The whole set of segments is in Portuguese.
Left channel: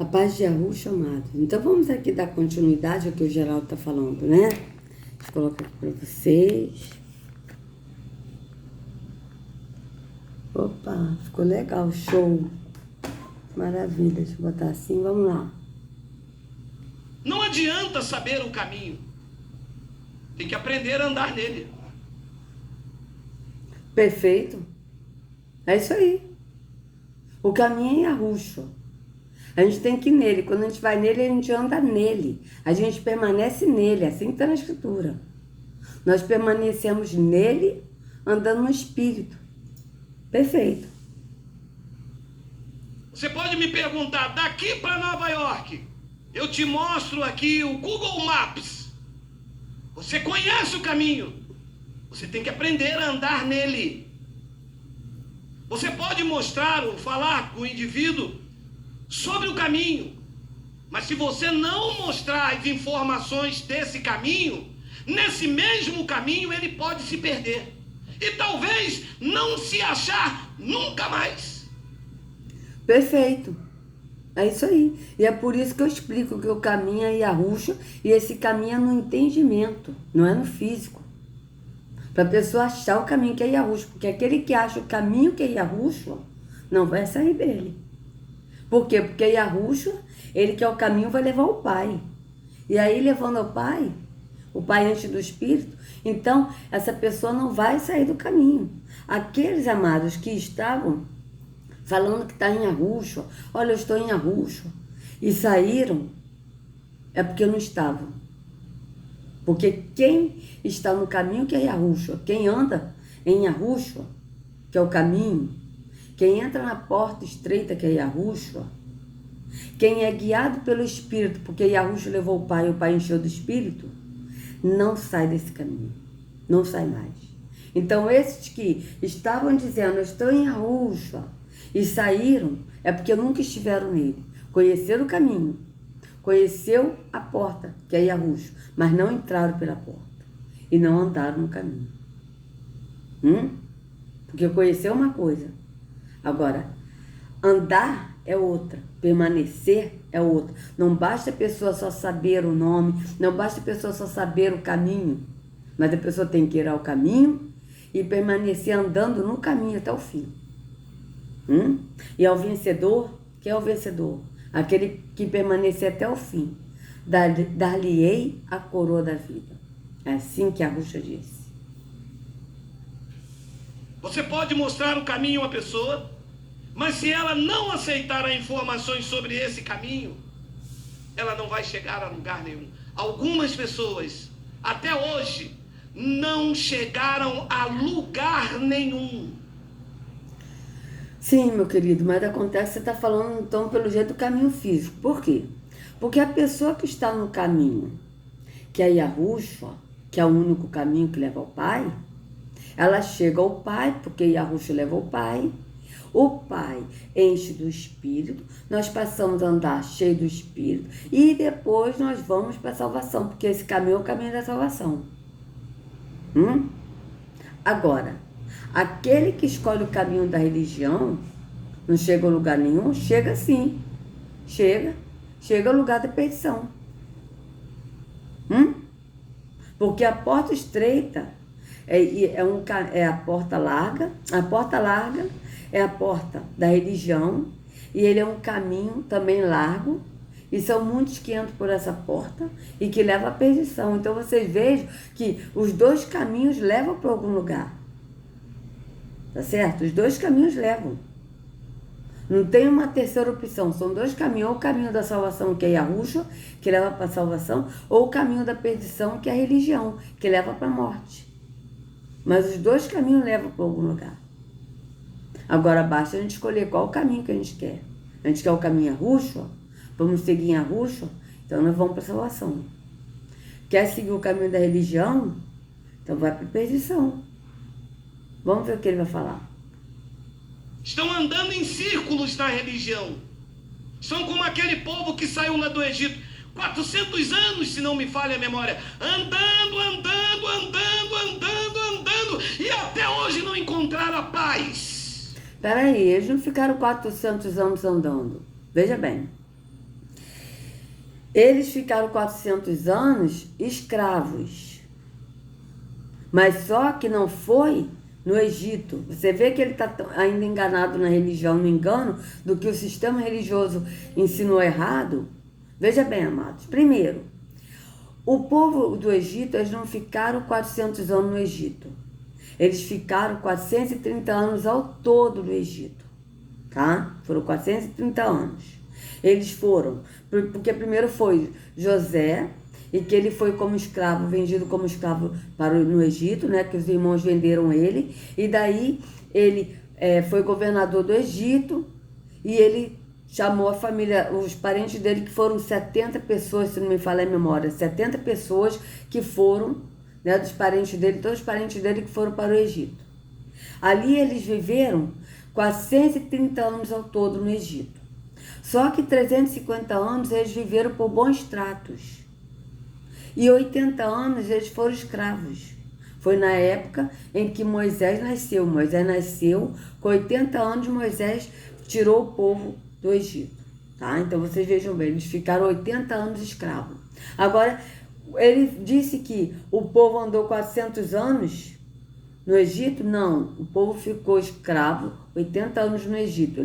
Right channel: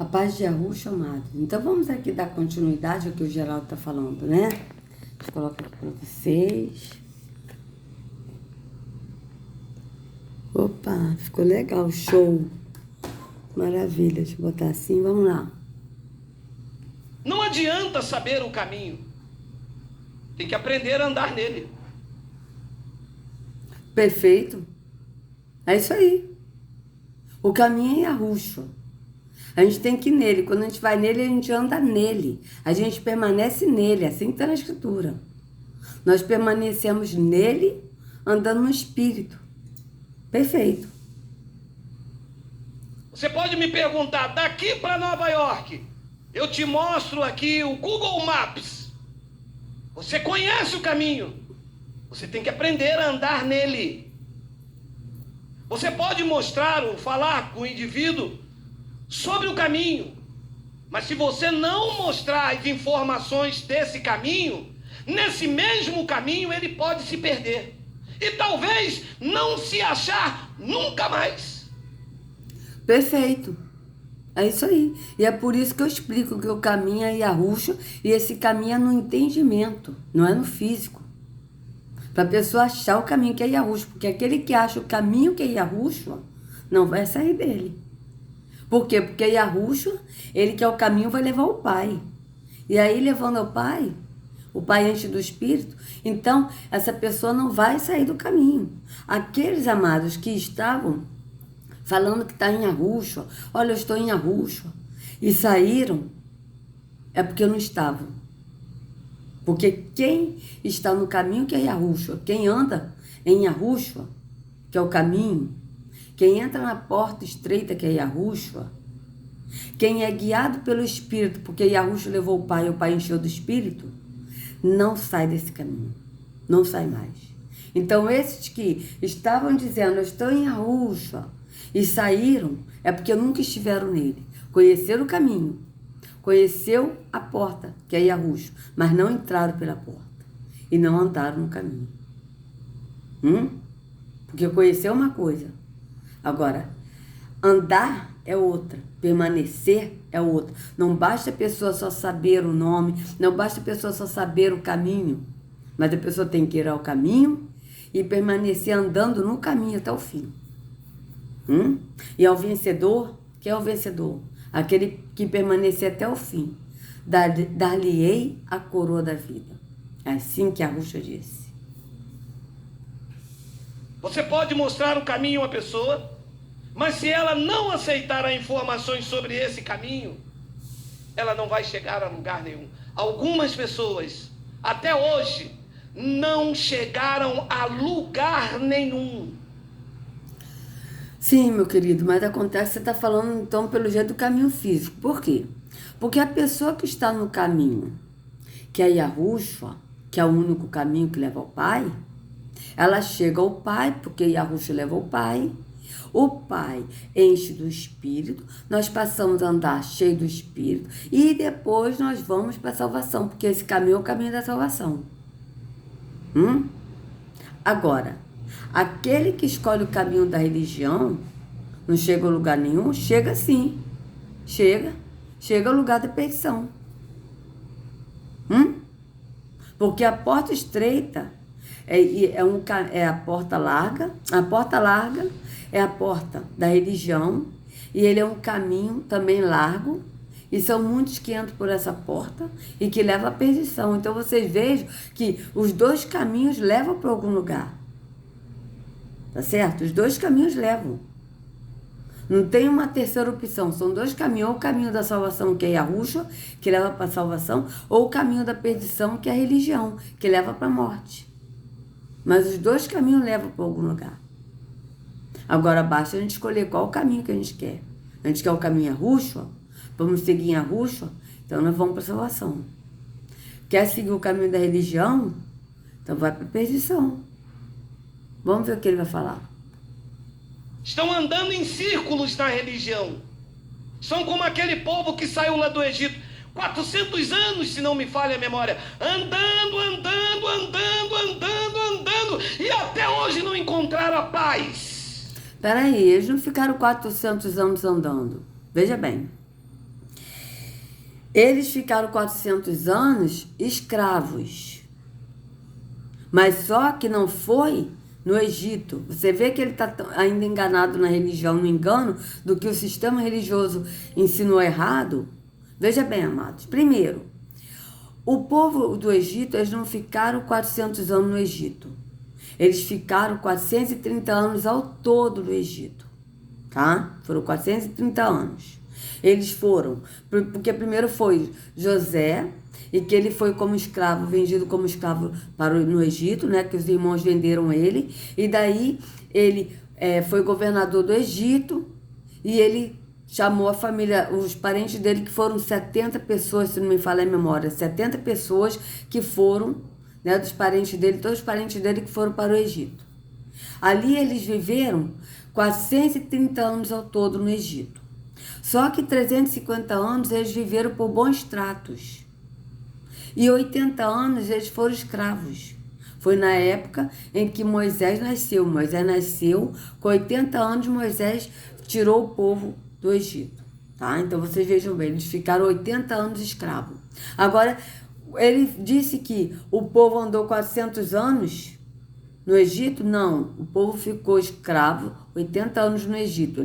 A paz de Yahushua, amado. Então vamos aqui dar continuidade ao que o Geraldo está falando, né? Deixa eu colocar aqui para vocês. Opa, ficou legal, show. Maravilha, deixa eu botar assim, vamos lá. Não adianta saber o caminho. Tem que aprender a andar nele. Perfeito. É isso aí. O caminho é Yahushua. A gente tem que ir nele. Quando a gente vai nele, a gente anda nele. A gente permanece nele. Assim que está na Escritura. Nós permanecemos nele, andando no Espírito. Perfeito. Você pode me perguntar, daqui para Nova York, eu te mostro aqui o Google Maps. Você conhece o caminho. Você tem que aprender a andar nele. Você pode mostrar ou falar com o indivíduo sobre o caminho, mas se você não mostrar as informações desse caminho, nesse mesmo caminho ele pode se perder e talvez não se achar nunca mais. Perfeito. É isso aí. E é por isso que eu explico que o caminho é Yahushua e esse caminho é no entendimento, não é no físico. Para a pessoa achar o caminho que é Yahushua, porque aquele que acha o caminho que é Yahushua não vai sair dele. Por quê? Porque Yahushua, ele que é o caminho, vai levar ao Pai. E aí, levando ao Pai, o Pai enche do Espírito, então essa pessoa não vai sair do caminho. Aqueles amados que estavam falando que está em Yahushua, olha, eu estou em Yahushua, e saíram, é porque não estavam. Porque quem está no caminho que é Yahushua, quem anda em Yahushua, que é o caminho, quem entra na porta estreita que é Yahushua, quem é guiado pelo Espírito, porque Yahushua levou o Pai e o Pai encheu do Espírito, não sai desse caminho, não sai mais. Então esses que estavam dizendo, eu estou em Yahushua, e saíram, é porque nunca estiveram nele. Conheceram o caminho, conheceu a porta, que é Yahushua, mas não entraram pela porta e não andaram no caminho. Porque conhecer é uma coisa. Agora, andar é outra, permanecer é outra. Não basta a pessoa só saber o nome, não basta a pessoa só saber o caminho, mas a pessoa tem que ir ao caminho e permanecer andando no caminho até o fim. E ao vencedor, que é o vencedor? Aquele que permanecer até o fim. Dar-lhe-ei a coroa da vida. É assim que Yahushua disse. Você pode mostrar o caminho a uma pessoa, mas se ela não aceitar as informações sobre esse caminho, ela não vai chegar a lugar nenhum. Algumas pessoas, até hoje, não chegaram a lugar nenhum. Sim, meu querido, mas acontece, você está falando então pelo jeito do caminho físico. Por quê? Porque a pessoa que está no caminho, que é Yahushua, que é o único caminho que leva ao Pai, ela chega ao Pai, porque Yahushua leva ao Pai, o Pai enche do Espírito, nós passamos a andar cheio do Espírito, e depois nós vamos para a salvação, porque esse caminho é o caminho da salvação. Agora, aquele que escolhe o caminho da religião, não chega a lugar nenhum, chega sim, chega ao lugar da perdição. Porque a porta estreita é a porta larga é a porta da religião, e ele é um caminho também largo, e são muitos que entram por essa porta e que levam à perdição. Então vocês vejam que os dois caminhos levam para algum lugar. Tá certo? Os dois caminhos levam. Não tem uma terceira opção. São dois caminhos. Ou o caminho da salvação, que é Yahushua, que leva para a salvação, ou o caminho da perdição, que é a religião, que leva para a morte. Mas os dois caminhos levam para algum lugar. Agora basta a gente escolher qual o caminho que a gente quer. A gente quer o caminho Yahushua, vamos seguir Yahushua, então nós vamos para a salvação. Quer seguir o caminho da religião? Então vai para a perdição. Vamos ver o que ele vai falar. Estão andando em círculos na religião. São como aquele povo que saiu lá do Egito, 400 anos, se não me falha a memória, andando, e até hoje não encontraram a paz. Peraí, eles não ficaram 400 anos andando. Veja bem. Eles ficaram 400 anos escravos. Mas só que não foi no Egito. Você vê que ele está ainda enganado na religião, no engano, do que o sistema religioso ensinou errado. Veja bem, amados. Primeiro, o povo do Egito, eles não ficaram 400 anos no Egito. Eles ficaram 430 anos ao todo no Egito. Tá? Foram 430 anos. Eles foram, porque primeiro foi José, e que ele foi como escravo, vendido como escravo no Egito, né? Que os irmãos venderam ele. E daí ele foi governador do Egito e ele chamou a família, os parentes dele, que foram 70 pessoas, se não me falha a memória, 70 pessoas que foram, né, dos parentes dele, todos os parentes dele que foram para o Egito. Ali eles viveram 430 anos ao todo no Egito. Só que 350 anos eles viveram por bons tratos. E 80 anos eles foram escravos. Foi na época em que Moisés nasceu. Moisés nasceu, com 80 anos Moisés tirou o povo do Egito. Tá? Então vocês vejam bem, eles ficaram 80 anos escravos. Agora, ele disse que o povo andou 400 anos no Egito? Não, o povo ficou escravo 80 anos no Egito.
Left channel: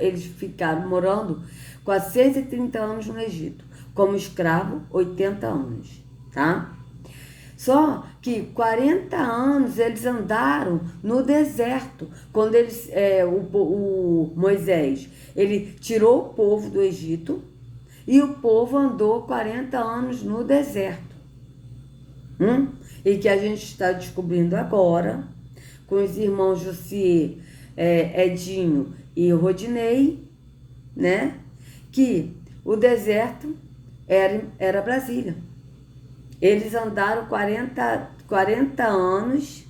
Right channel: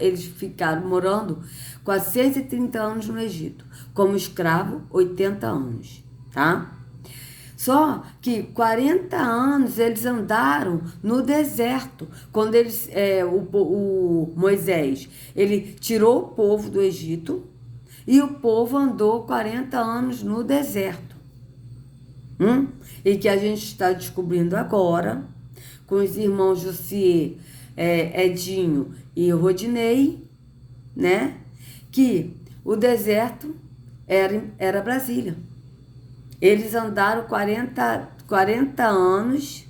Eles ficaram morando 430 anos no Egito. Como escravo, 80 anos, tá? Só que 40 anos eles andaram no deserto. Quando eles, o Moisés, ele tirou o povo do Egito e o povo andou 40 anos no deserto. E que a gente está descobrindo agora, com os irmãos Jussier, Edinho e Rodinei, né? Que o deserto era Brasília. Eles andaram 40 anos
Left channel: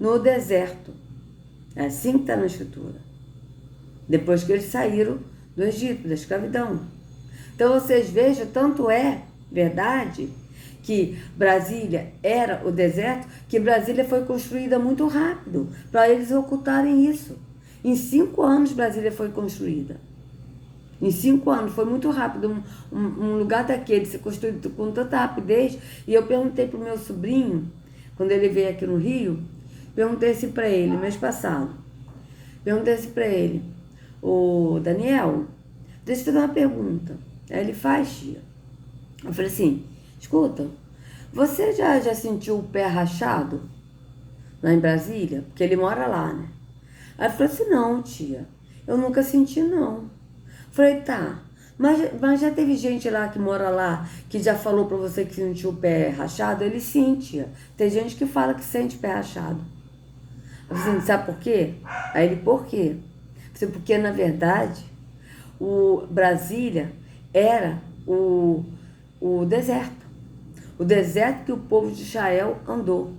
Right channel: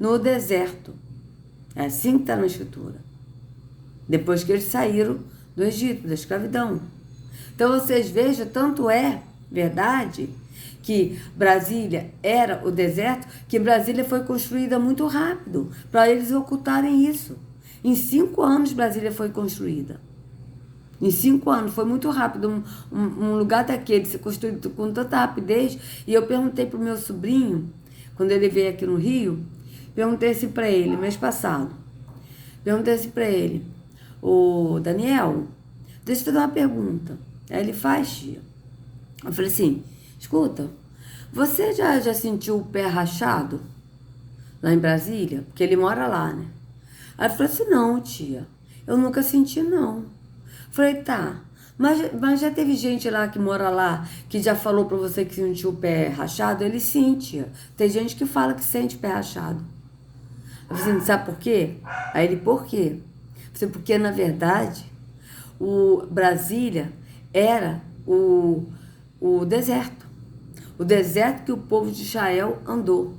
no deserto. É assim que está na Escritura. Depois que eles saíram do Egito, da escravidão. Então vocês vejam, tanto é verdade que Brasília era o deserto, que Brasília foi construída muito rápido, para eles ocultarem isso. Em 5 anos Brasília foi construída. Em 5 anos, foi muito rápido, um lugar daquele se construído com tanta rapidez. E eu perguntei para o meu sobrinho, quando ele veio aqui no Rio, perguntei assim para ele, mês passado, perguntei assim para ele, ô Daniel, deixa eu te dar uma pergunta. Aí ele faz, tia. Eu falei assim, escuta, você já sentiu o pé rachado lá em Brasília? Porque ele mora lá, né? Aí ele falou assim, não, tia, eu nunca senti, não. Falei, tá, mas já teve gente lá que mora lá que já falou pra você que sentiu o pé rachado? Ele sim, tia. Tem gente que fala que sente pé rachado. Eu falei assim, sabe por quê? Aí ele, por quê? Eu falei, porque na verdade, o Brasília era o deserto. O deserto que o povo de Israel andou.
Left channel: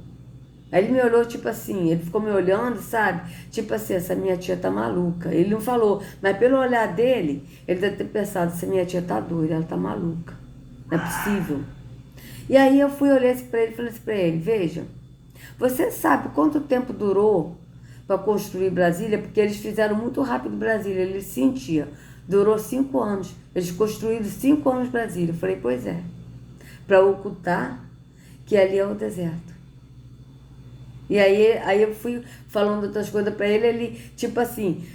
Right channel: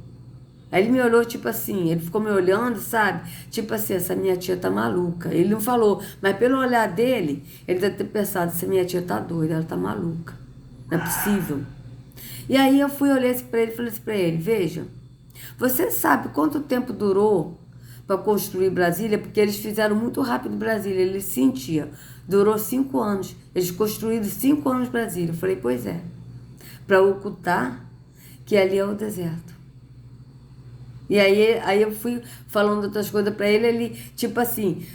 Aí ele me olhou, tipo assim, ele ficou me olhando, sabe? Tipo assim, essa minha tia tá maluca. Ele não falou, mas pelo olhar dele, ele deve ter pensado, essa minha tia tá doida, ela tá maluca. Não é possível. E aí eu fui, olhei assim pra ele e falei assim pra ele, veja, você sabe quanto tempo durou para construir Brasília? Porque eles fizeram muito rápido Brasília, ele sentia. Durou 5 anos. Eles construíram 5 anos Brasília. Eu falei, pois é. Para ocultar que ali é o deserto. E aí eu fui falando outras coisas para ele, tipo assim,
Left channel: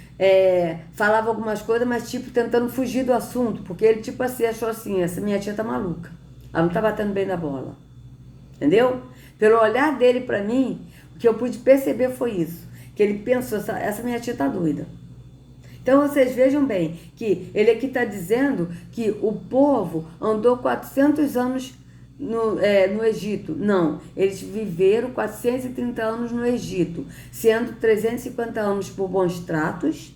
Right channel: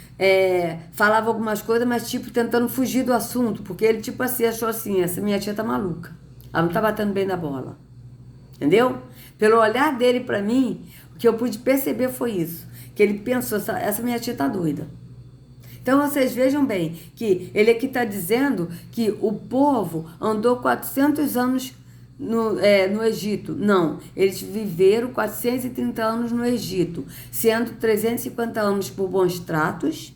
falava algumas coisas, mas tipo tentando fugir do assunto, porque ele tipo assim, achou assim, essa minha tia tá maluca, ela não tá batendo bem na bola, entendeu? Pelo olhar dele para mim, o que eu pude perceber foi isso, que ele pensou, essa minha tia tá doida. Então vocês vejam bem, que ele aqui está dizendo que o povo andou 400 anos no Egito. Não, eles viveram 430 anos no Egito, sendo 350 anos por bons tratos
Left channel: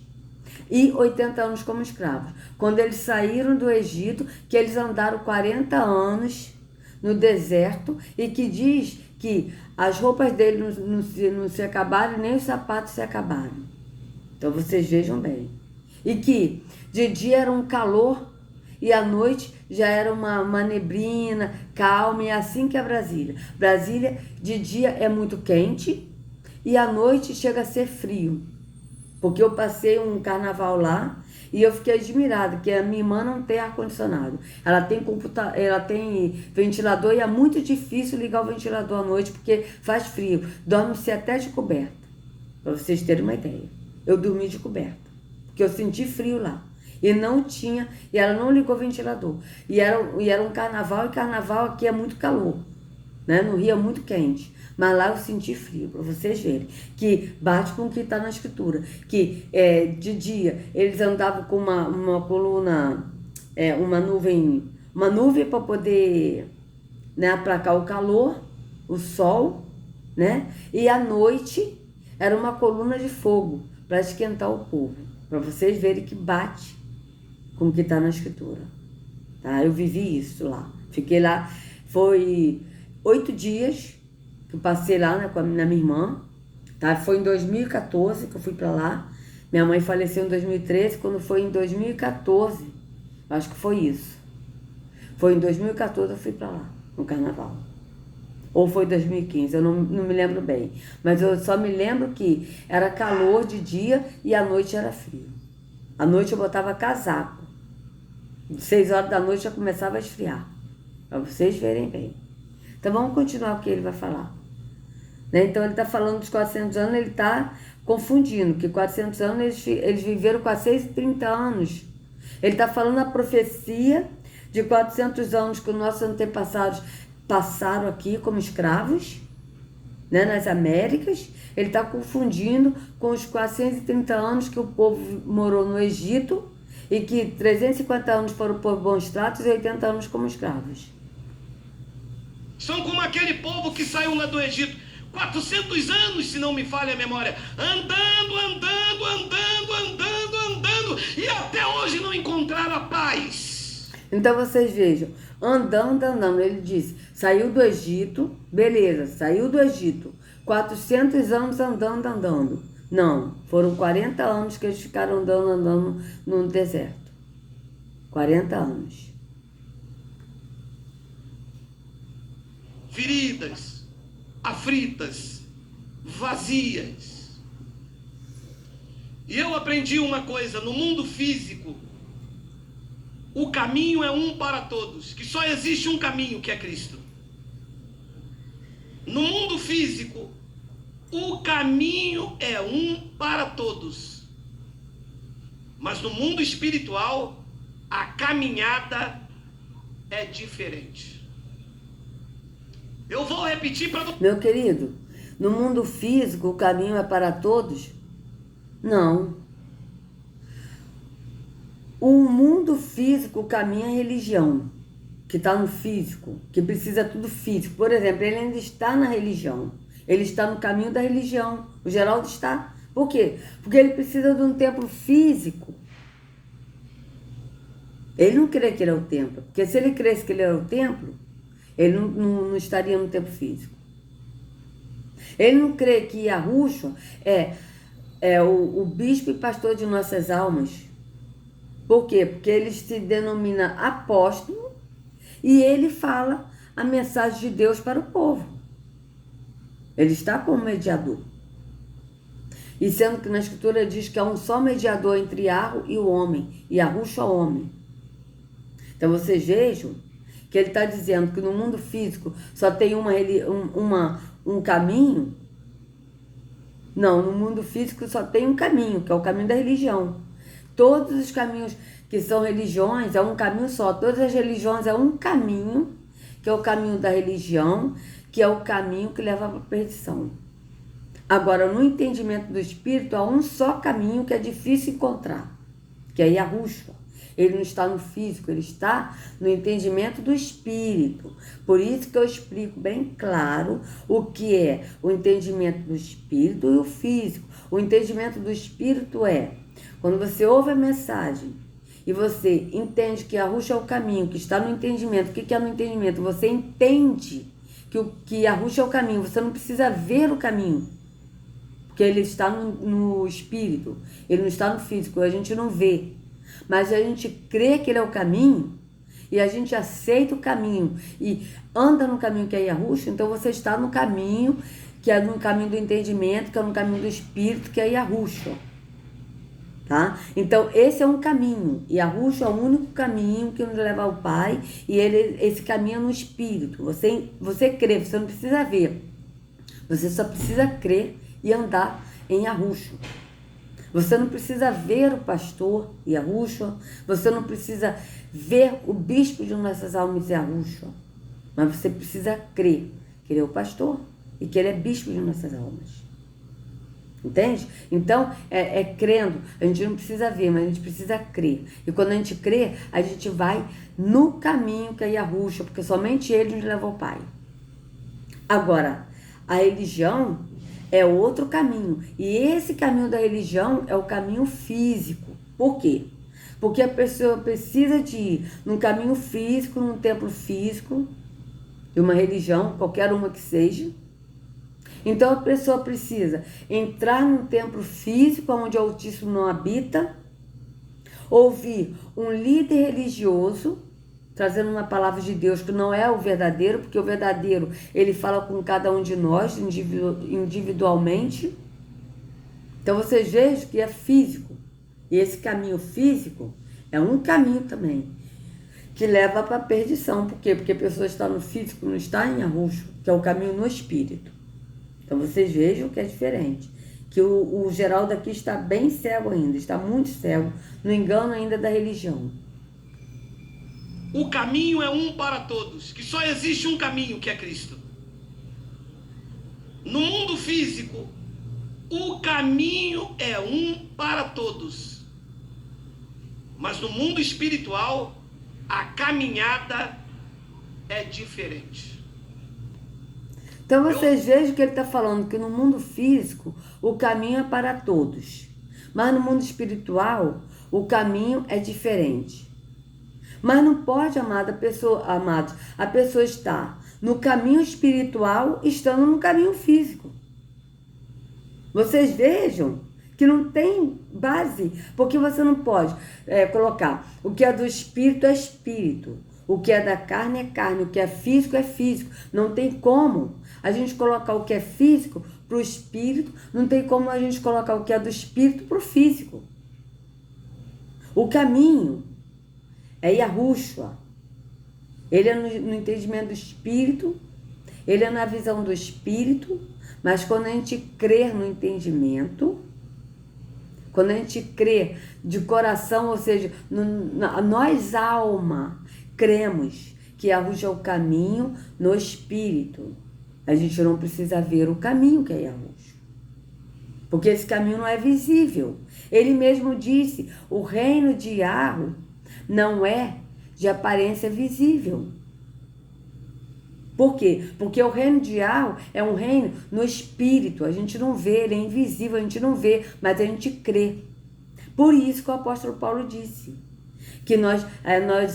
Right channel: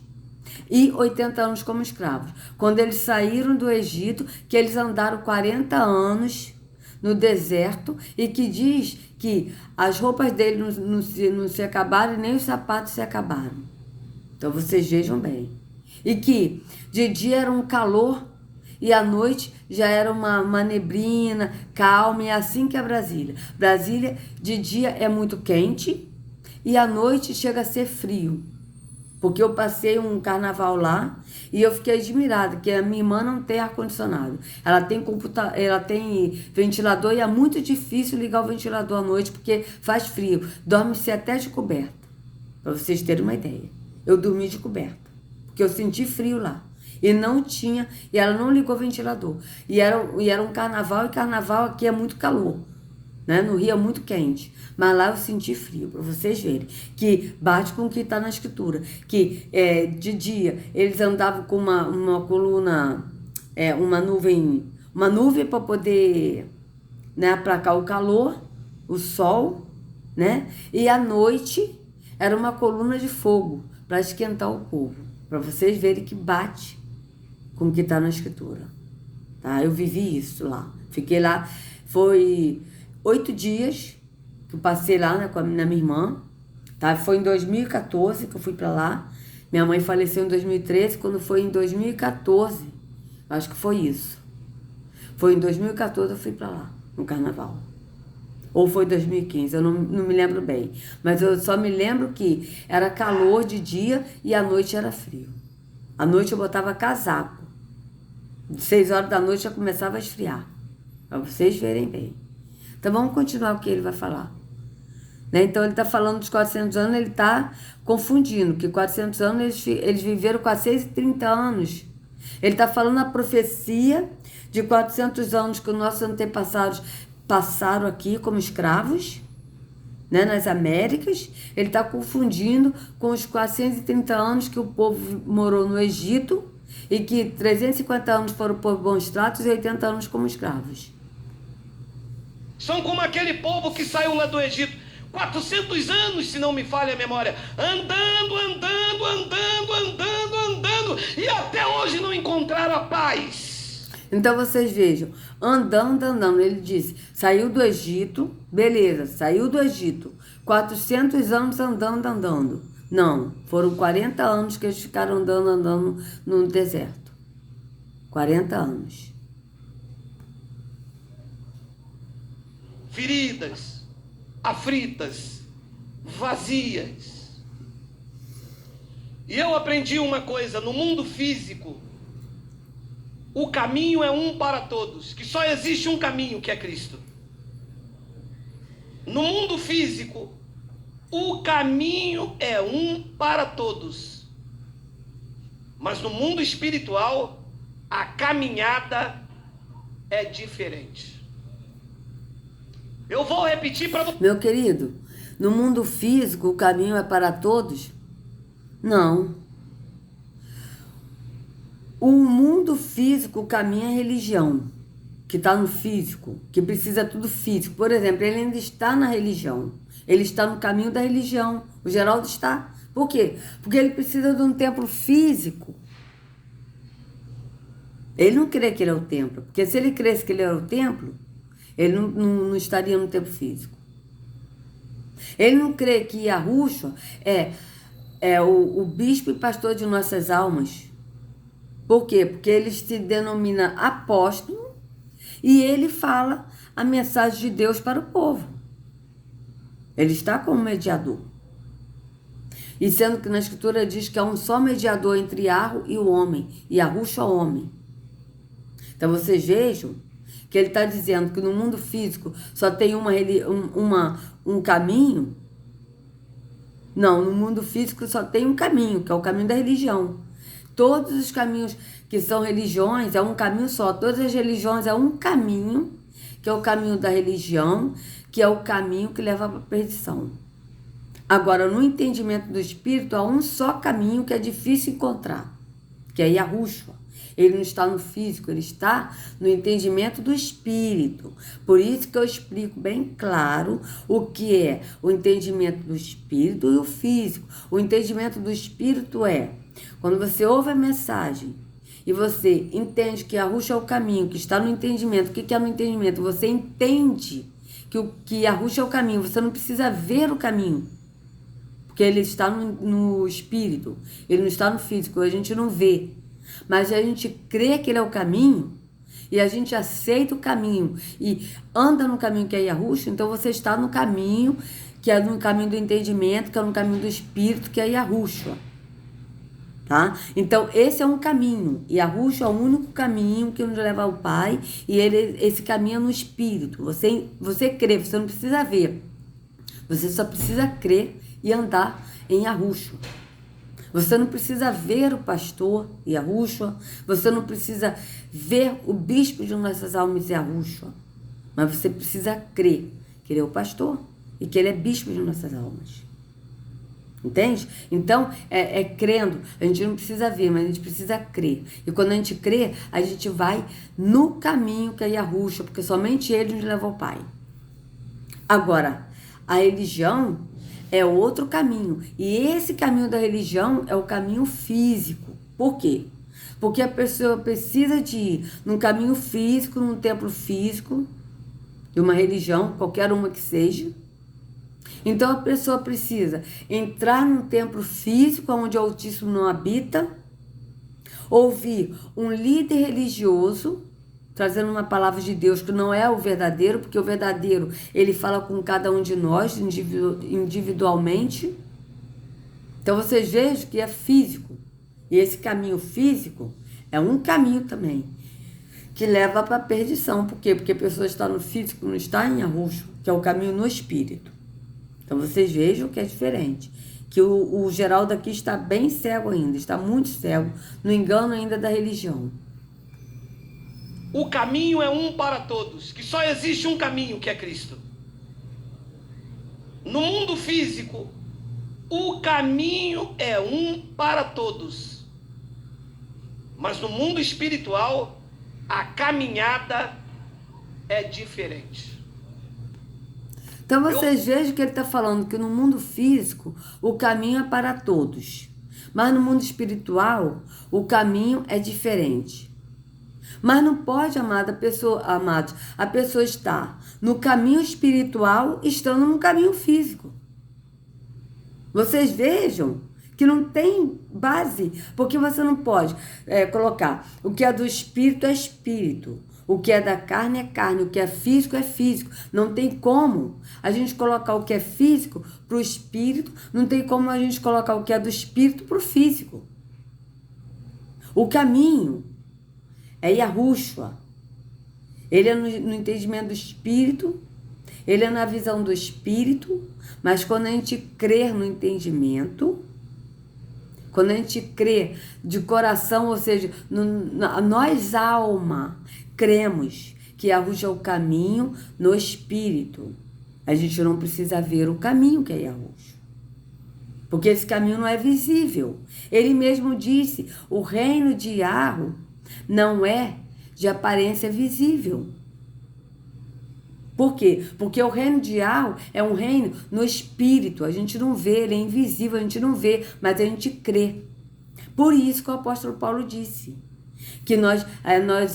e 80 anos como escravos. Quando eles saíram do Egito, que eles andaram 40 anos no deserto e que diz que as roupas dele não se acabaram, nem os sapatos se acabaram. Então vocês vejam bem. E que de dia era um calor e à noite já era uma neblina, calma, e é assim que é Brasília. Brasília de dia é muito quente e à noite chega a ser frio. Porque eu passei um carnaval lá e eu fiquei admirada, que a minha irmã não tem ar-condicionado. Ela tem ventilador e é muito difícil ligar o ventilador à noite porque faz frio. Dorme-se até de coberta, para vocês terem uma ideia. Eu dormi de coberta, porque eu senti frio lá. E não tinha, e ela não ligou o ventilador. E era um carnaval, e carnaval aqui é muito calor, né? No Rio é muito quente. Mas lá eu senti frio, para vocês verem. Que bate com o que está na escritura. Que de dia eles andavam com uma coluna, uma nuvem para poder, né, aplacar o calor, o sol, né? E à noite era uma coluna de fogo para esquentar o povo. Para vocês verem que bate com o que está na escritura. Tá? Eu vivi isso lá. Fiquei lá, foi 8 dias que eu passei lá, né, com a minha irmã. Tá? Foi em 2014 que eu fui para lá. Minha mãe faleceu em 2013, quando foi em 2014, acho que foi isso. Foi em 2014 eu fui para lá, no carnaval. Ou foi 2015, eu não me lembro bem. Mas eu só me lembro que era calor de dia e à noite era frio. À noite eu botava casaco. De 6 horas da noite já começava a esfriar. Para vocês verem bem. Então vamos continuar o que ele vai falar. Né? Então ele está falando dos 400 anos, ele está confundindo, que 400 anos eles viveram 430 anos. Ele está falando a profecia de 400 anos que os nossos antepassados passaram aqui como escravos, né, nas Américas. Ele está confundindo com os 430 anos que o povo morou no Egito e que 350 anos foram por bons tratos e 80 anos como escravos. São como aquele povo que saiu lá do Egito, 400 anos, se não me falha a memória, andando, e até hoje não encontraram a paz. Então vocês vejam, andando, ele disse, saiu do Egito, beleza, saiu do Egito, 400 anos andando. Não, foram 40 anos que eles ficaram andando no deserto. 40 anos. Feridas, aflitas, vazias. E eu aprendi uma coisa, no mundo físico, o caminho é um para todos, que só existe um caminho, que é Cristo. No mundo físico, o caminho é um para todos. Mas no mundo espiritual, a caminhada é diferente. Eu vou repetir para você. Meu querido, no mundo físico o caminho é para todos? Não. O mundo físico, o caminho é a religião, que está no físico, que precisa tudo físico. Por exemplo, ele ainda está na religião. Ele está no caminho da religião. O Geraldo está. Por quê? Porque ele precisa de um templo físico. Ele não crê que ele é o templo. Porque se ele cresce que ele é o templo, ele não estaria no templo físico. Ele não crê que Yahushua é o bispo e pastor de nossas almas. Por quê? Porque ele se denomina apóstolo e ele fala a mensagem de Deus para o povo. Ele está como mediador. E sendo que na escritura diz que há um só mediador entre Yahweh e o homem, e Yahushua o homem. Então vocês vejam que ele está dizendo que no mundo físico só tem um caminho. Não, no mundo físico só tem um caminho, que é o caminho da religião. Todos os caminhos que são religiões é um caminho só. Todas as religiões é um caminho, que é o caminho da religião, que é o caminho que leva para a perdição. Agora, no entendimento do Espírito, há um só caminho que é difícil encontrar, que é Yahushua. Ele não está no físico, ele está no entendimento do Espírito. Por isso que eu explico bem claro o que é o entendimento do Espírito e o físico. O entendimento do Espírito é quando você ouve a mensagem e você entende que Yahushua é o caminho, que está no entendimento. O que é no entendimento? Você entende que Yahushua é o caminho. Você não precisa ver o caminho, porque ele está no Espírito, ele não está no físico, a gente não vê. Mas a gente crê que ele é o caminho e a gente aceita o caminho e anda no caminho que é Yahushua. Então você está no caminho que é no caminho do entendimento, que é no caminho do Espírito, que é Yahushua. Tá? Então, esse é um caminho. E a Yahushua é o único caminho que nos leva ao Pai. E esse caminho é no Espírito. Você crê, você não precisa ver. Você só precisa crer e andar em Yahushua. Você não precisa ver o pastor Yahushua. Você não precisa ver o bispo de nossas almas Yahushua. Mas você precisa crer que ele é o pastor e que ele é bispo de nossas almas. Entende? Então, crendo. A gente não precisa ver, mas a gente precisa crer. E quando a gente crê, a gente vai no caminho que é Yahushua, porque somente ele nos leva ao Pai. Agora, a religião é outro caminho. E esse caminho da religião é o caminho físico. Por quê? Porque a pessoa precisa de ir num caminho físico, num templo físico, de uma religião, qualquer uma que seja. Então a pessoa precisa entrar num templo físico onde o Altíssimo não habita, ouvir um líder religioso trazendo uma palavra de Deus que não é o verdadeiro, porque o verdadeiro ele fala com cada um de nós individualmente. Então vocês vejam que é físico. E esse caminho físico é um caminho também que leva para a perdição. Por quê? Porque a pessoa está no físico, não está em Yahushua, que é o caminho no espírito. Então vocês vejam que é diferente. Que o Geraldo aqui está bem cego ainda, está muito cego, no engano ainda da religião. O caminho é um para todos, que só existe um caminho, que é Cristo. No mundo físico, o caminho é um para todos. Mas no mundo espiritual, a caminhada é diferente. Então vocês vejam que ele está falando que no mundo físico o caminho é para todos. Mas no mundo espiritual o caminho é diferente. Mas não pode, amados, a pessoa está no caminho espiritual estando no caminho físico. Vocês vejam que não tem base, porque você não pode colocar o que é do espírito é espírito. O que é da carne é carne, o que é físico é físico. Não tem como a gente colocar o que é físico para o espírito, não tem como a gente colocar o que é do espírito para o físico. O caminho é Yahushua. Ele é no entendimento do espírito, ele é na visão do espírito, mas quando a gente crer no entendimento, quando a gente crê de coração, ou seja, nós alma, cremos que Yahushua é o caminho no espírito. A gente não precisa ver o caminho que é Yahushua, porque esse caminho não é visível. Ele mesmo disse, o reino de Yahu não é de aparência visível. Por quê? Porque o reino de Yahu é um reino no espírito. A gente não vê, ele é invisível, a gente não vê, mas a gente crê. Por isso que o apóstolo Paulo disse que nós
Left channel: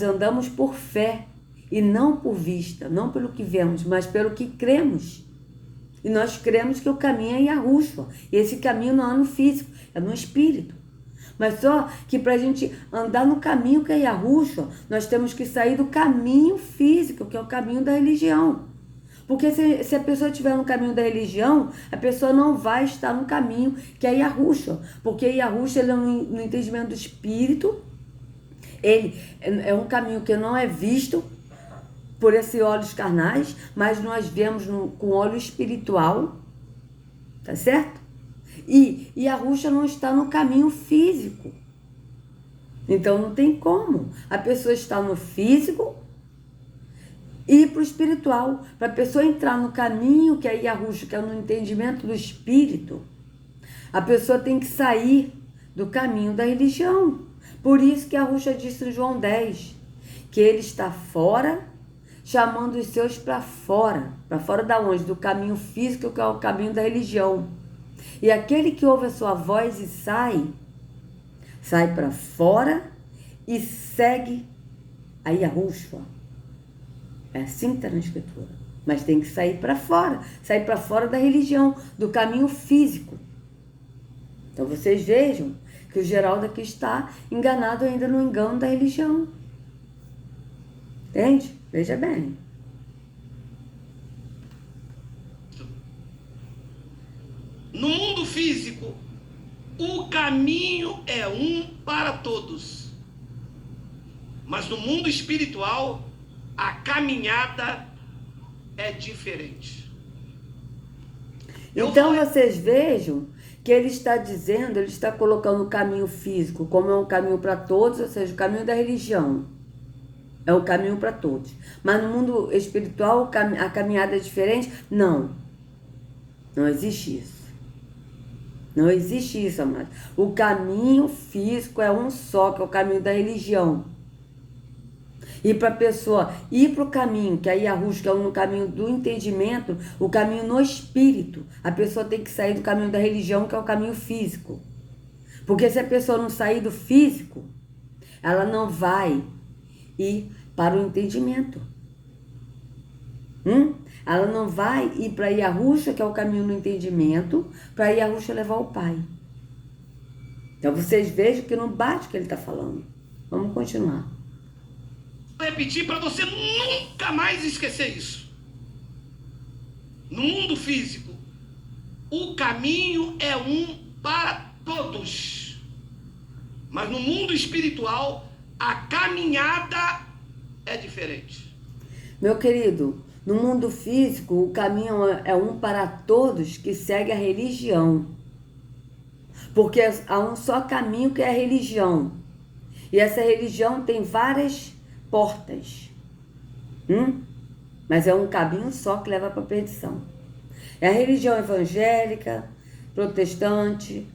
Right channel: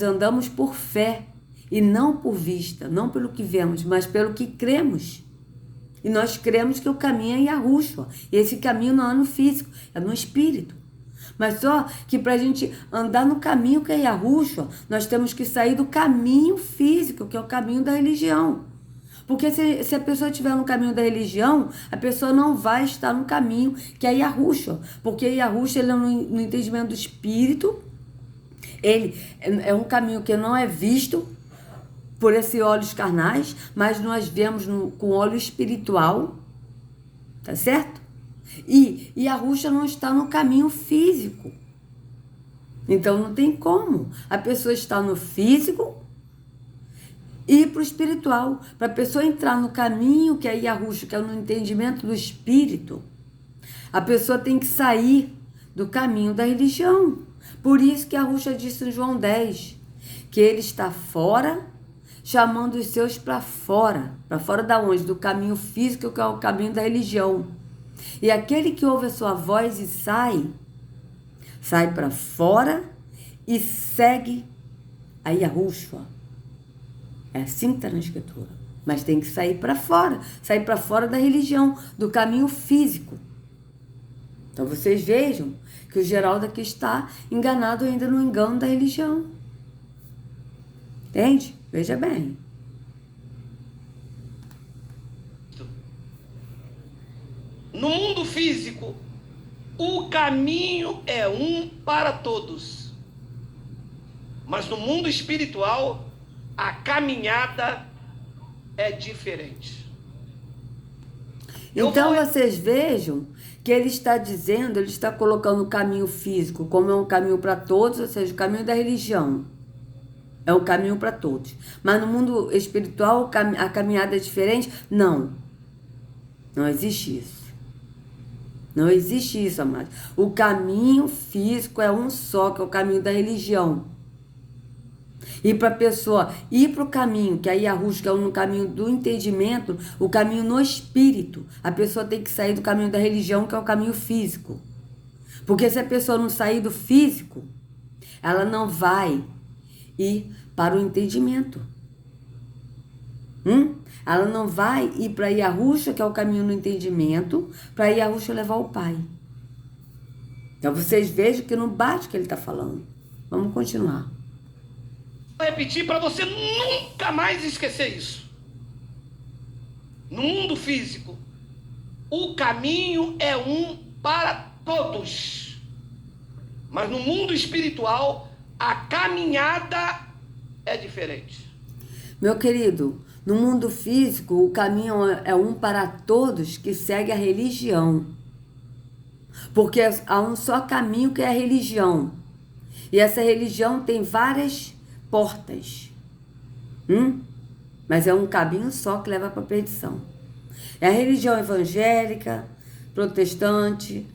andamos por fé e não por vista, não pelo que vemos, mas pelo que cremos. E nós cremos que o caminho é Yahushua. E esse caminho não é no físico, é no espírito. Mas só que para a gente andar no caminho que é Yahushua, nós temos que sair do caminho físico, que é o caminho da religião. Porque se a pessoa estiver no caminho da religião, a pessoa não vai estar no caminho que é Yahushua. Porque Yahushua, ele é no entendimento do espírito, ele é um caminho que não é visto por esses olhos carnais, mas nós vemos com olho espiritual, tá certo? E Yahushua não está no caminho físico. Então não tem como. A pessoa está no físico e ir para o espiritual. Para a pessoa entrar no caminho que é Yahushua, que é no entendimento do espírito, a pessoa tem que sair do caminho da religião. Por isso que Yahushua disse em João 10, que ele está fora, chamando os seus para fora. Para fora da onde? Do caminho físico, que é o caminho da religião. E aquele que ouve a sua voz e sai para fora e segue a Yahushua. É assim que está na escritura. Mas tem que sair para fora da religião, do caminho físico. Então vocês vejam que o Geraldo aqui está enganado ainda no engano da religião. Entende? Veja bem. No mundo físico, O caminho é um para todos. Mas no mundo espiritual, a caminhada é diferente. Então vocês vejam que ele está dizendo, ele está colocando o caminho físico como é um caminho para todos, ou seja, o caminho da religião. É o caminho para todos. Mas no mundo espiritual, a caminhada é diferente? Não. Não existe isso. Não existe isso, amados. O caminho físico é um só, que é o caminho da religião. E para a pessoa ir para o caminho, que aí a Yahushua é no caminho do entendimento, o caminho no espírito, a pessoa tem que sair do caminho da religião, que é o caminho físico. Porque se a pessoa não sair do físico, ela não vai ir para o entendimento. Ela não vai ir para Yahushua, que é o caminho no entendimento, para Yahushua levar o Pai. Então vocês vejam que não bate o que ele está falando. Vamos continuar. Vou repetir para você nunca mais esquecer isso. No mundo físico, o caminho é um para todos. Mas no mundo espiritual, a caminhada é diferente. Meu querido, no mundo físico, o caminho é um para todos que segue a religião. Porque há um só caminho que é a religião. E essa religião tem várias portas. Mas é um caminho só que leva para a perdição. É a religião evangélica, protestante,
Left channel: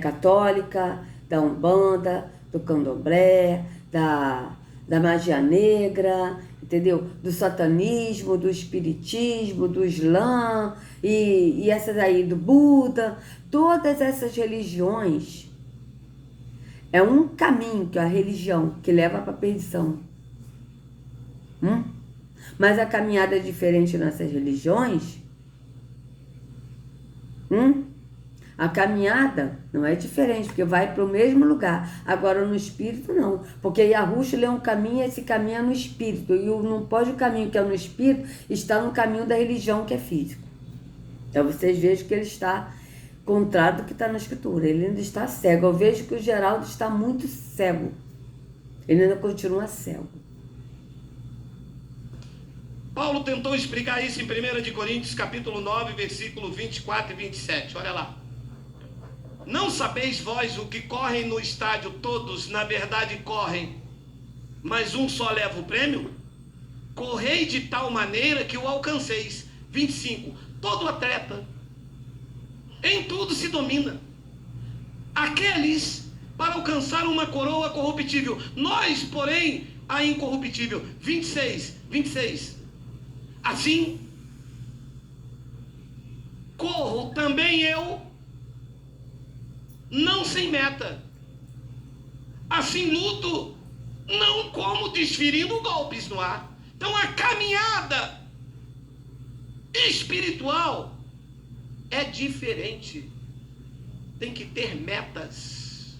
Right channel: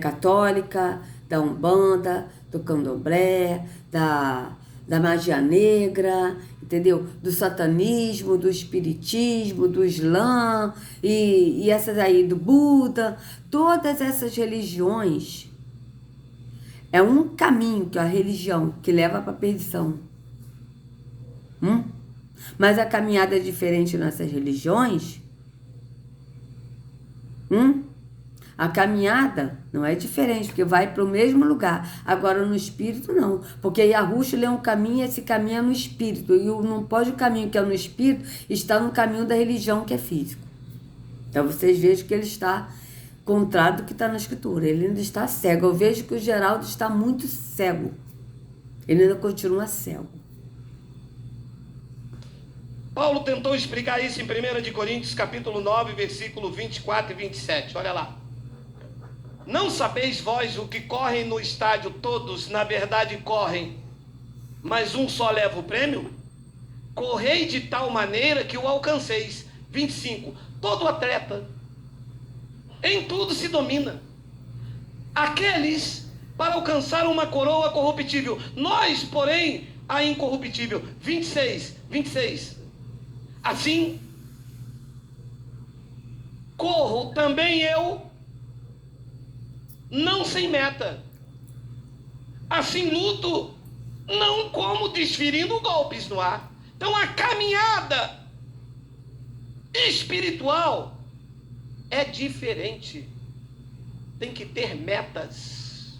católica, da Umbanda, do Candomblé, da magia negra, entendeu? Do satanismo, do espiritismo, do Islã, e essas aí do Buda. Todas essas religiões é um caminho, que é a religião, que leva para a perdição. Mas a caminhada é diferente nessas religiões. A caminhada não é diferente, porque vai para o mesmo lugar. Agora no espírito não, porque Yahushua é um caminho, e esse caminho é no espírito. E não pode o caminho que é no espírito estar no caminho da religião que é físico. Então vocês vejam que ele está contrário do que está na escritura. Ele ainda está cego. Eu vejo que o Geraldo está muito cego. Ele ainda continua cego. Paulo tentou explicar isso em 1 Coríntios capítulo 9, versículo 24 e 27. Olha lá. Não sabeis vós o que correm no estádio, todos na verdade correm, mas um só leva o prêmio? Correi de tal maneira que o alcanceis. 25. Todo atleta em tudo se domina. Aqueles para alcançar uma coroa corruptível, nós, porém, a incorruptível. 26. Assim, corro também eu, não sem meta. Assim luto, não como desferindo golpes no ar. Então a caminhada espiritual é diferente. Tem que ter metas.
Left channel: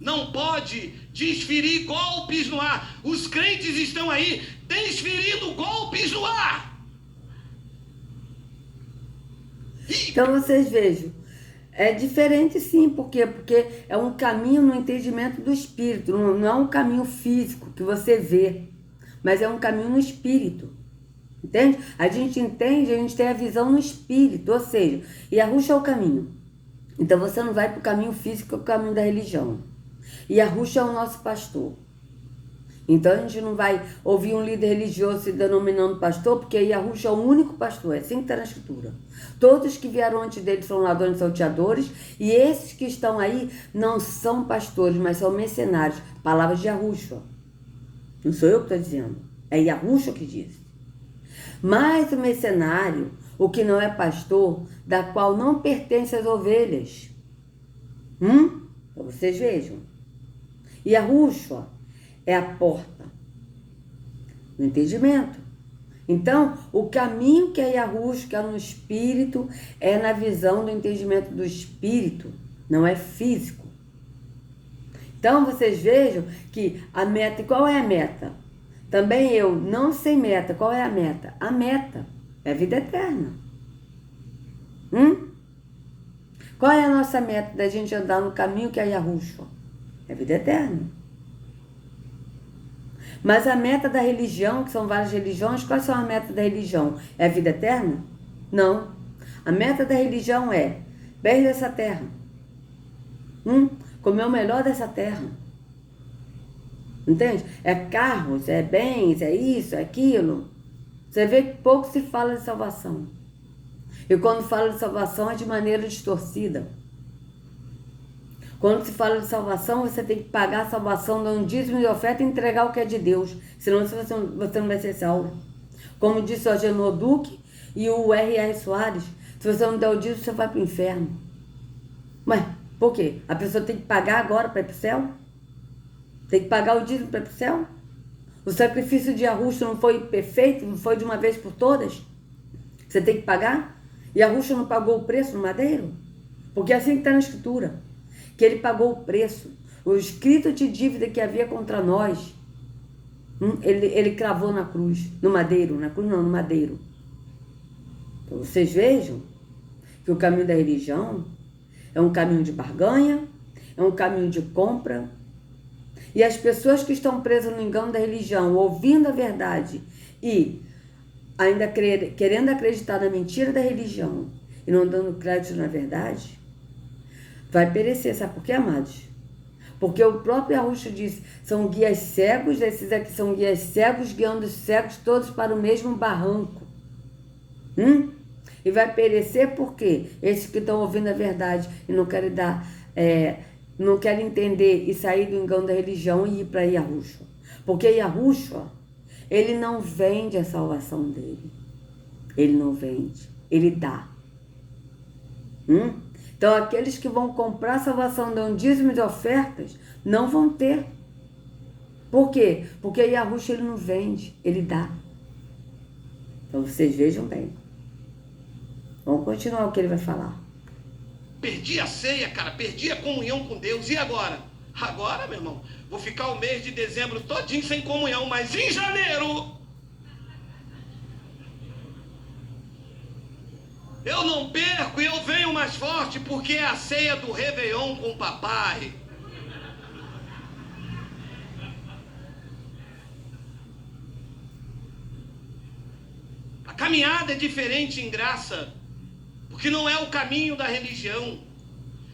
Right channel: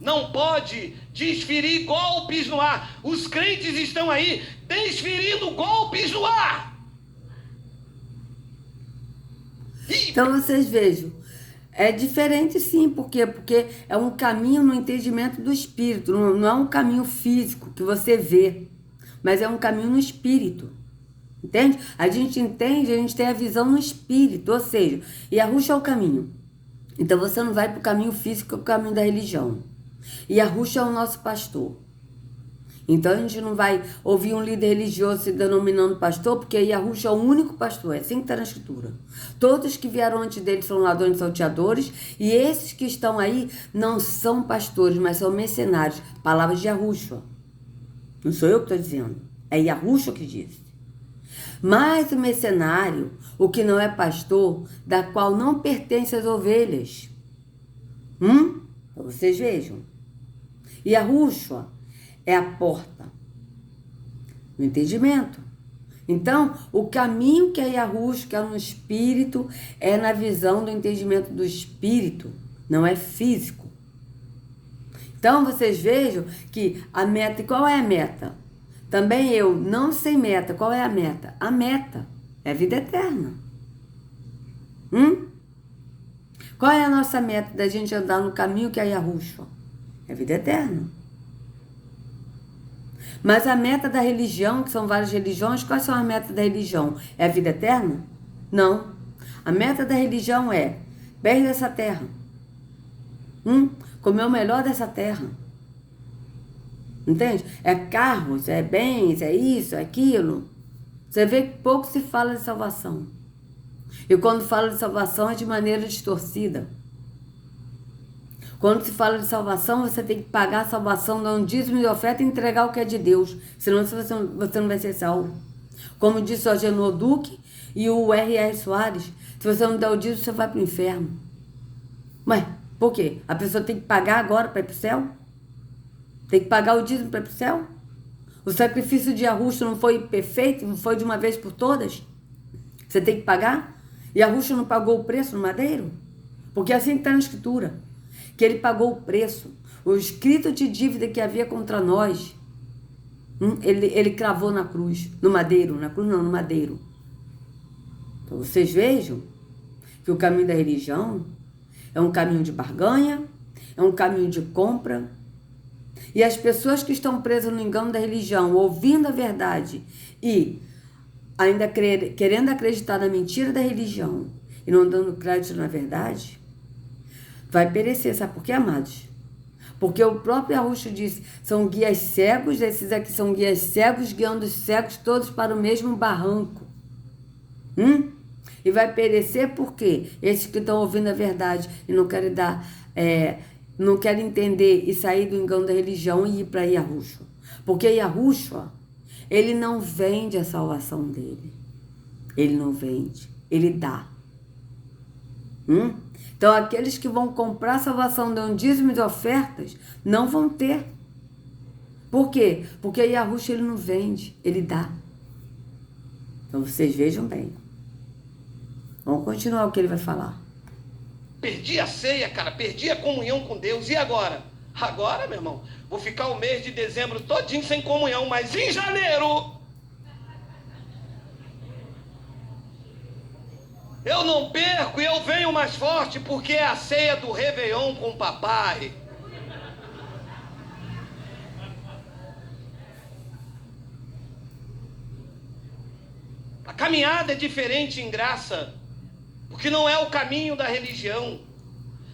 Não pode desferir golpes no ar. Os crentes estão aí desferindo golpes no ar. Então vocês vejam, é diferente sim, por quê? Porque é um caminho no entendimento do espírito, não é um caminho físico que você vê, mas é um caminho no espírito, entende? A gente entende, a gente tem a visão no espírito, ou seja, Yahushua é o caminho. Então você não vai para o caminho físico, que é o caminho da religião. Yahushua é o nosso pastor. Então a gente não vai ouvir um líder religioso se denominando pastor, porque Yahushua é o único pastor, é assim que está na escritura. Todos que vieram antes dele são ladrões e salteadores, e esses que estão aí não são pastores, mas são mercenários. Palavras de Yahushua. Não sou eu que estou dizendo, é Yahushua que disse. Mas o mercenário, o que não é pastor, da qual não pertence às ovelhas. Vocês vejam. Yahushua é a porta, o entendimento. Então, o caminho que é Yahushua, que é no espírito, é na visão do entendimento do espírito, não é físico. Então, vocês vejam que a meta, qual é a meta? Também eu, não sei meta, qual é a meta? A meta é a vida eterna. Qual é a nossa meta da gente andar no caminho que é Yahushua? É vida eterna. Mas a meta da religião, que são várias religiões, quais são as metas da religião? É a vida eterna? Não. A meta da religião é bens dessa terra. Comer o melhor dessa terra. Entende? É carros, é bens, é isso, é aquilo. Você vê que pouco se fala de salvação. E quando fala de salvação é de maneira distorcida. Quando se fala de salvação, você tem que pagar a salvação, dar um dízimo de oferta e entregar o que é de Deus. Senão você não vai ser salvo. Como disse o Agenor Duque e o R.R. Soares, se você não der o dízimo, você vai para o inferno. Mas por quê? A pessoa tem que pagar agora para ir para o céu? Tem que pagar o dízimo para ir para o céu? O sacrifício de Yahushua não foi perfeito? Não foi de uma vez por todas? Você tem que pagar? E Yahushua não pagou o preço no madeiro? Porque é assim que está na Escritura. Que ele pagou o preço. O escrito de dívida que havia contra nós, ele cravou na cruz. No madeiro. Na cruz não, no madeiro. Então vocês vejam que o caminho da religião é um caminho de barganha, é um caminho de compra. E as pessoas que estão presas no engano da religião, ouvindo a verdade e ainda querendo acreditar na mentira da religião e não dando crédito na verdade, vai perecer. Sabe por quê, amados? Porque o próprio Yahushua disse, são guias cegos, esses aqui são guias cegos, guiando os cegos todos para o mesmo barranco. E vai perecer por quê? Esses que estão ouvindo a verdade e não querem não querem entender e sair do engano da religião e ir para Yahushua. Porque Yahushua, ele não vende a salvação dele. Ele não vende, ele dá. Então, aqueles que vão comprar a salvação dando dízimo de ofertas, não vão ter. Por quê? Porque Yahushua, ele não vende, ele dá. Então, vocês vejam bem. Vamos continuar o que ele vai falar. Perdi a ceia, cara, perdi a comunhão com Deus. E agora? Agora, meu irmão, vou ficar o mês de dezembro todinho sem comunhão, mas em janeiro eu não perco e eu venho mais forte, porque é a ceia do Réveillon com o papai. A caminhada é diferente em graça, porque não é o caminho da religião.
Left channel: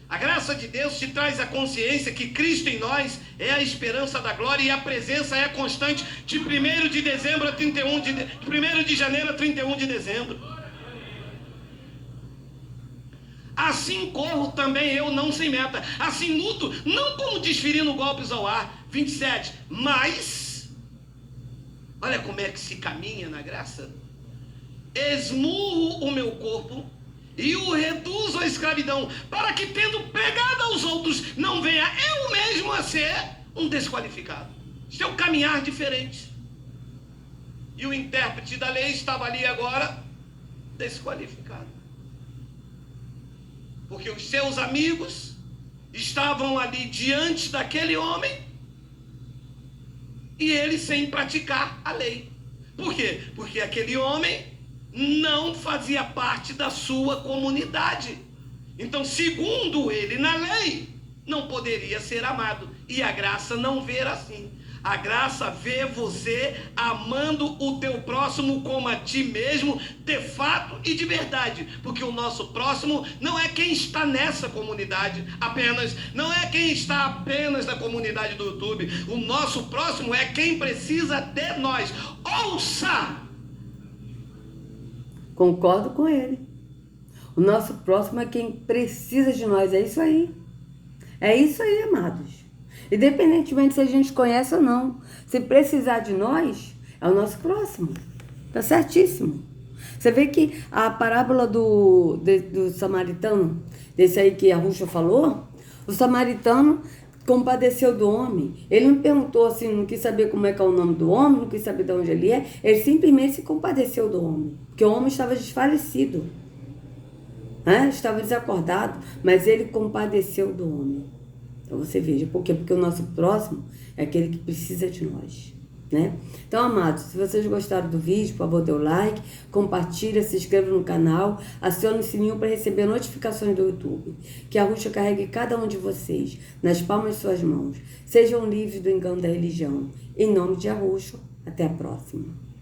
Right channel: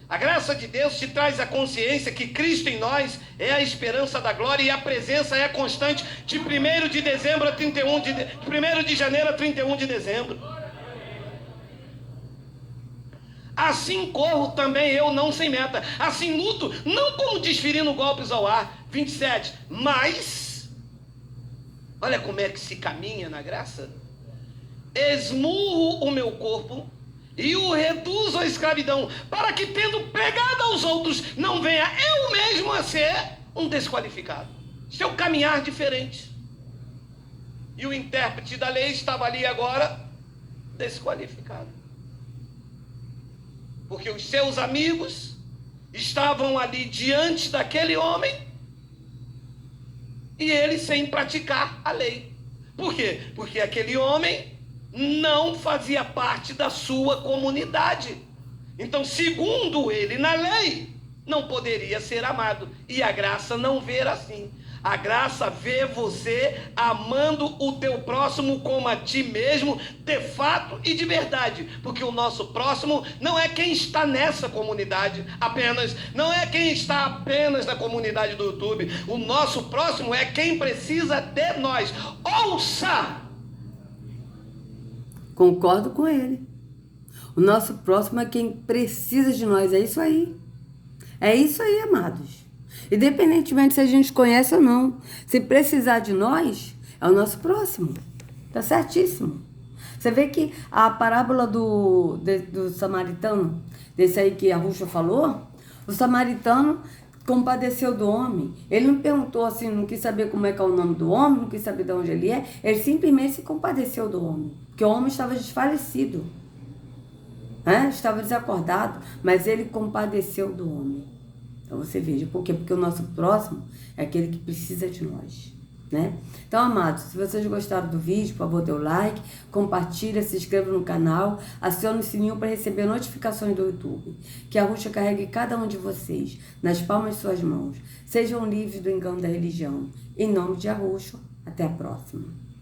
A graça de Deus te traz a consciência que Cristo em nós é a esperança da glória e a presença é constante de 1º de dezembro a 1º de janeiro a 31 de dezembro. Assim corro também eu, não sem meta. Assim luto, não como desferindo golpes ao ar. 27. Mas, olha como é que se caminha na graça. Esmurro o meu corpo e o reduzo à escravidão, para que, tendo pegado aos outros, não venha eu mesmo a ser um desqualificado. Isso é um caminhar diferente. E o intérprete da lei estava ali agora desqualificado. Porque os seus amigos estavam ali diante daquele homem e ele sem praticar a lei. Por quê? Porque aquele homem não fazia parte da sua comunidade. Então, segundo ele na lei, não poderia ser amado. E a graça não vê assim. A graça vê você amando o teu próximo como a ti mesmo, de fato e de verdade. Porque o nosso próximo não é quem está nessa comunidade apenas, não é quem está apenas na comunidade do YouTube. O nosso próximo é quem precisa de nós. Ouça! Concordo com ele. O nosso próximo é quem precisa de nós. É isso aí. É isso aí, amados. Independentemente se a gente conhece ou não. Se precisar de nós, é o nosso próximo. Tá certíssimo. Você vê que a parábola do samaritano, desse aí que a Yahushua falou, o samaritano compadeceu do homem. Ele não perguntou assim, não quis saber como é que é o nome do homem, não quis saber de onde ele é. Ele simplesmente se compadeceu do homem. Porque o homem estava desfalecido. Estava desacordado. Mas ele compadeceu do homem. Então você veja, por quê? Porque o nosso próximo é aquele que precisa de nós. né? Então, amados, se vocês gostaram do vídeo, por favor, dê o like, compartilha, se inscreva no canal, acione o sininho para receber notificações do YouTube. Que a Arusha carregue cada um de vocês nas palmas de suas mãos. Sejam livres do engano da religião. Em nome de Arusha, até a próxima.